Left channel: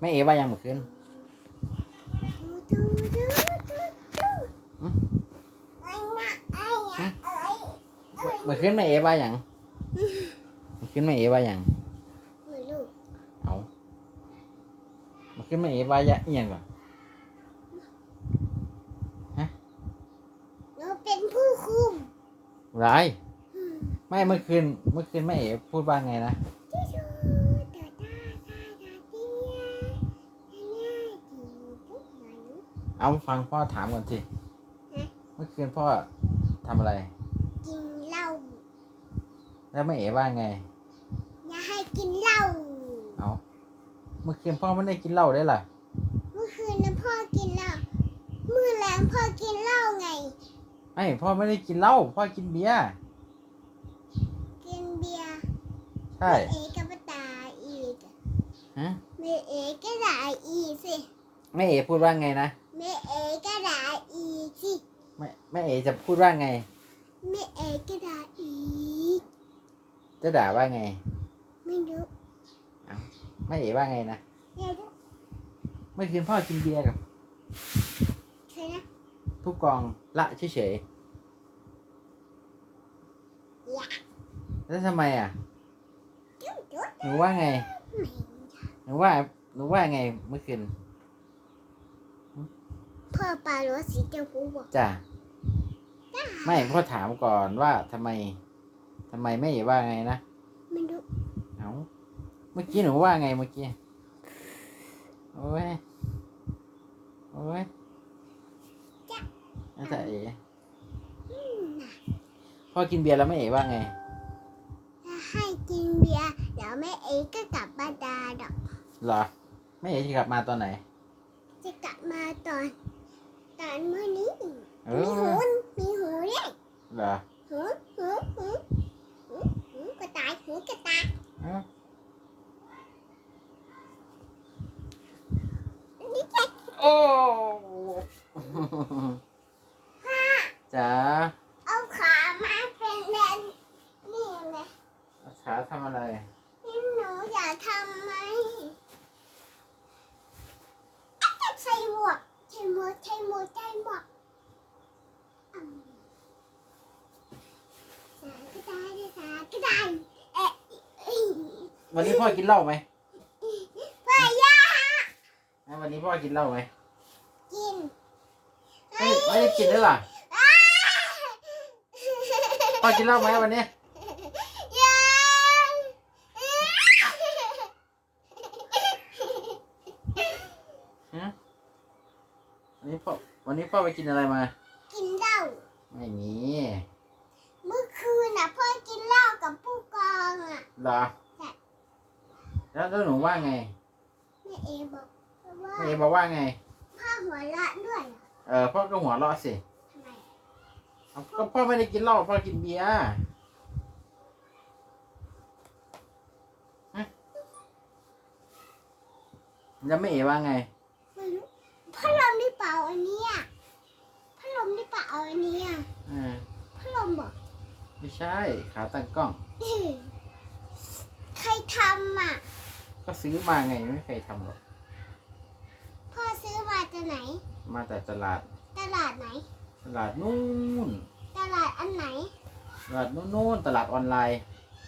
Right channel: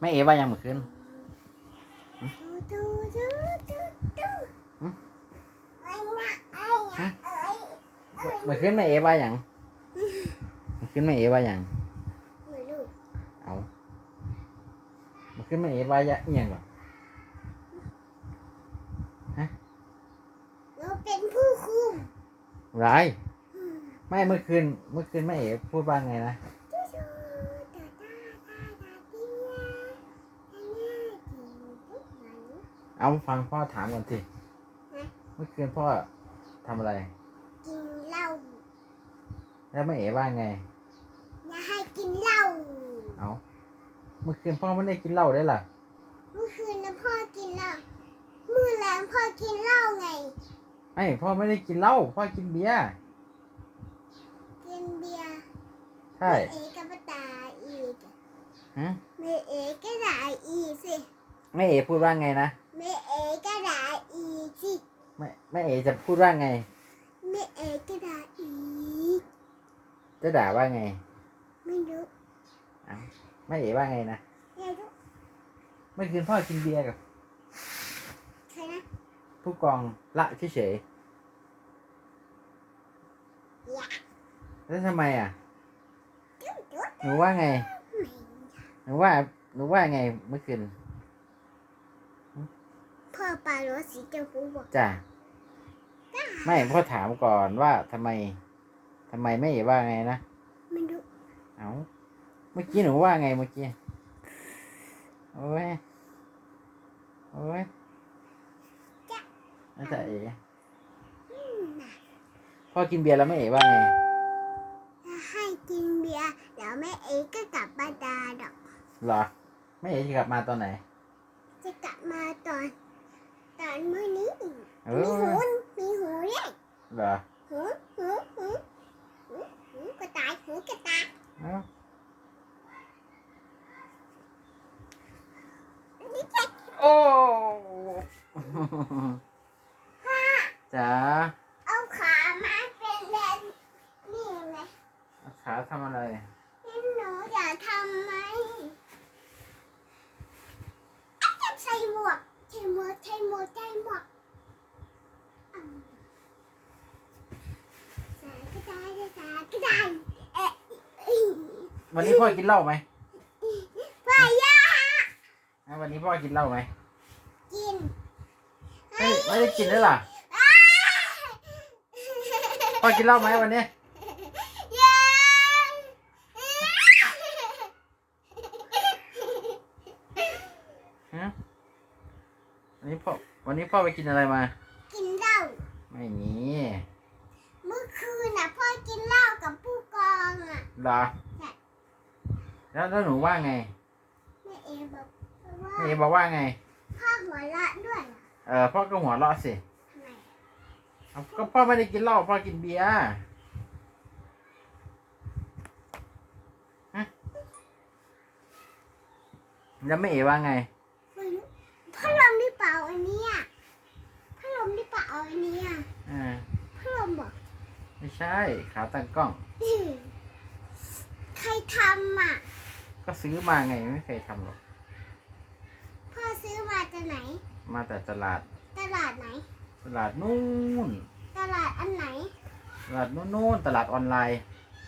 แม่เอว่ายังเมื่อคืนดูดูดูดูอืมไอ้น่ะไอ้น่ะเอ้ยเมื่อคืนแม่เอว่ายังเมื่อคืนแม่เอว่ายังไม่รู้เอาเมื่อคืนแม่เอว่า ya- อหย่างก่อนเราเป็นผู้คุมไรไม่เมื่อคืนเมื่อคืนแม่เอพูดว่าไงนะ ดูดูตาตาตาตาเตี้ยไอ้น่ากินทุกวัน เอาฟังพ่อถามก่อนสิเมื่อคืนพ่อทำอะไร กินเหล้าแล้วแม่เอว่าไง อย่าให้กินเหล้าเอาเมื่อคืนพ่อไม่ได้กินเหล้าได้ล่ะเมื่อคืนนะพ่อกินเหล้าเมื่อแรงพ่อกินเหล้าไงไม่พ่อไม่ได้กินเหล้าพ่อกินเบียร์กินเบียร์ใช่เอกับป้าตาอีกฮะเมเอก็ด่าอีกสิแม่เอพูดว่าไงนะ เมเอก็ด่าอีกสิแม่แม่เอจะพูดว่าไงเมเอก็ด่าอีกจะด่าว่าไง ไม่รู้แม่เอว่าไงนะไม่รู้เมื่อคืนพ่อกินเบียร์กับใครนะผู้กองละเฉยๆแล้วทำไมอะจุ๊บจุ๊บหนูว่าไงหนูว่าหนูว่าไงเมื่อคืน พ่อปลารถสีเจ้าผู้บอกจ้ะไม่พ่อถามก่อนว่าทำไมทำไมแม่เอว่าไงนะไม่รู้เอาเมื่อกี้หนูว่าไงเมื่อกี้โอ้ยโอ้ยอาจารย์เอ๋พ่อกินเบียร์แล้วแม่เอ๋ว่าไงถ้าให้กินเบียร์เดี๋ยวแม่เอก็กลับบ้านดาดอกเหรอแม่เอ๋จะกลับมาตอนไหน จะกลับมาตอน ตอนเมื่อนี้เอมีหูอมีหูเนี่ยเหรอหูหูหูหูหูกระต่ายหูกระต่ายเอ้านี่จะโอ้จ๋าเอาขามาเป็นเลนนี่ไงขาทำอะไร นี่หนูอยากทำไหมอาจจะใส่หมวกใส่ห มวกใส่หมวกใส่หมวกอืมสายกระต่ายสายกระต่ายเอ๊ะอีวันนี้พ่อกินเหล้าไหมพ่อย่าอะวันนี้พ่อกินเหล้าไหมกินไม่ไม่ได้กินได้หรออ้าพ่อกินเหล้าไหมวันนี้ ยัง ฮะ วันนี้พ่อวันนี้พ่อไปกินอะไรมา กินเหล้าไม่มีเมื่อคืนน่ะพ่อกินเหล้ากับผู้กองอะ เหรอแล้วแล้วหนูว่าไงแม่เอบอกว่าแม่เอบอกว่าไง พ่อหัวเราะด้วยเหรอเออพ่อก็หัวเราะสิทำไมเอาก็พ่อไม่ได้กินเหล้าพ่อกินเบียร์ฮะแล้วแม่เอว่าไงไม่รู้พัดลมหรือเปล่าอันเนี้ยพัดลมหรือเปล่าอันเนี้ย อ่า พัดลมบอก ไม่ใช่ขาตั้งกล้องอื้อใครทำอะ ก็ซื้อมาไงไม่เคยทำหรอก พ่อซื้อมาจากไหน มาแต่ตลาด ตลาดไหน ตลาดนู่น ตลาดอันไหน ตลาดนู่นๆตลาดออนไลน์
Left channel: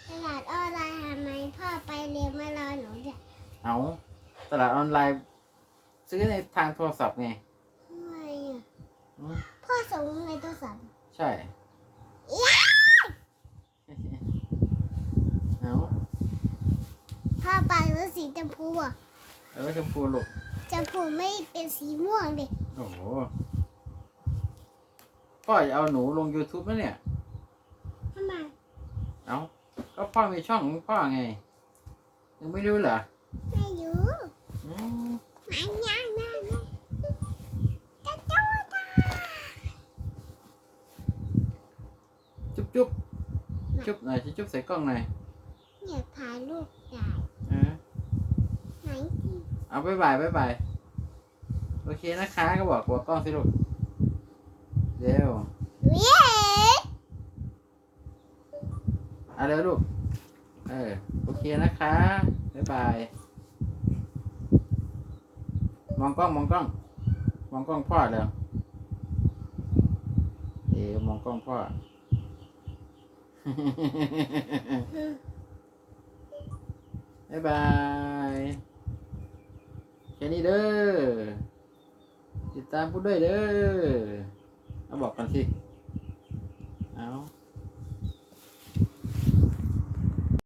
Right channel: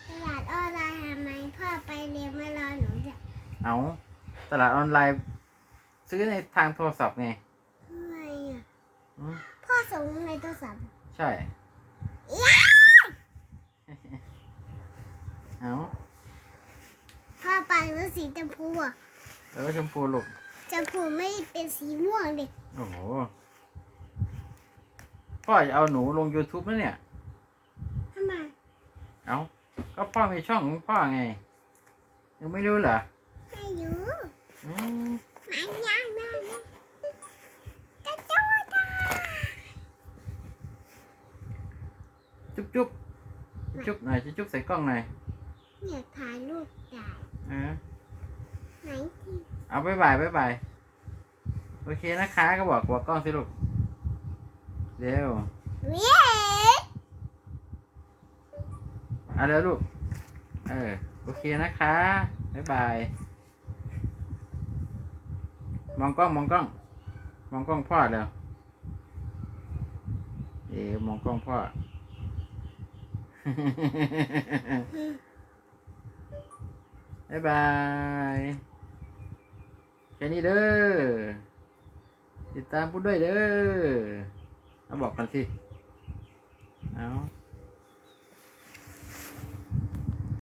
ตลาดออนไลน์ทำไมพ่อไปเรียนมารอหนูจ้ะเอาตลาดออนไลน์ ซื้อในทางโทรศัพท์ไงทำไมอะ อืมพ่อส่งในโทรศัพท์ใช่เอา พ่อไปรถ สีชมพูอะแล้วก็ชมพูลูกชมพูไม่เป็นสีม่วงดิโอ้โหพ่อจะเอาหนูลง YouTube แล้วเนี่ยทำไมเอาก็พ่อมีช่องของพ่อไง ยังไม่รู้เหรอไม่รู้อืมไม่ยังไม่ยังกระโดดอะจุ๊บจุ๊บจุ๊บหน่อยจะจุ๊บใส่กล้องหน่อยอยากถ่ายรูปได้อ่า เอาบายบายบายบายโอเคนะคะก็บอกบอกกล้องสิลูกเร็วเว้เอาเร็วลูกเออโอเคนะคะบ๊ายบายมองกล้องมองกล้อง มองกล้องพ่อเร็วเอ๋มองกล้องพ่อ บ๊ายบาย ค่นี้เด้อ ติดตามพูดด้วยเด้อเอาบอกกันสิ เอา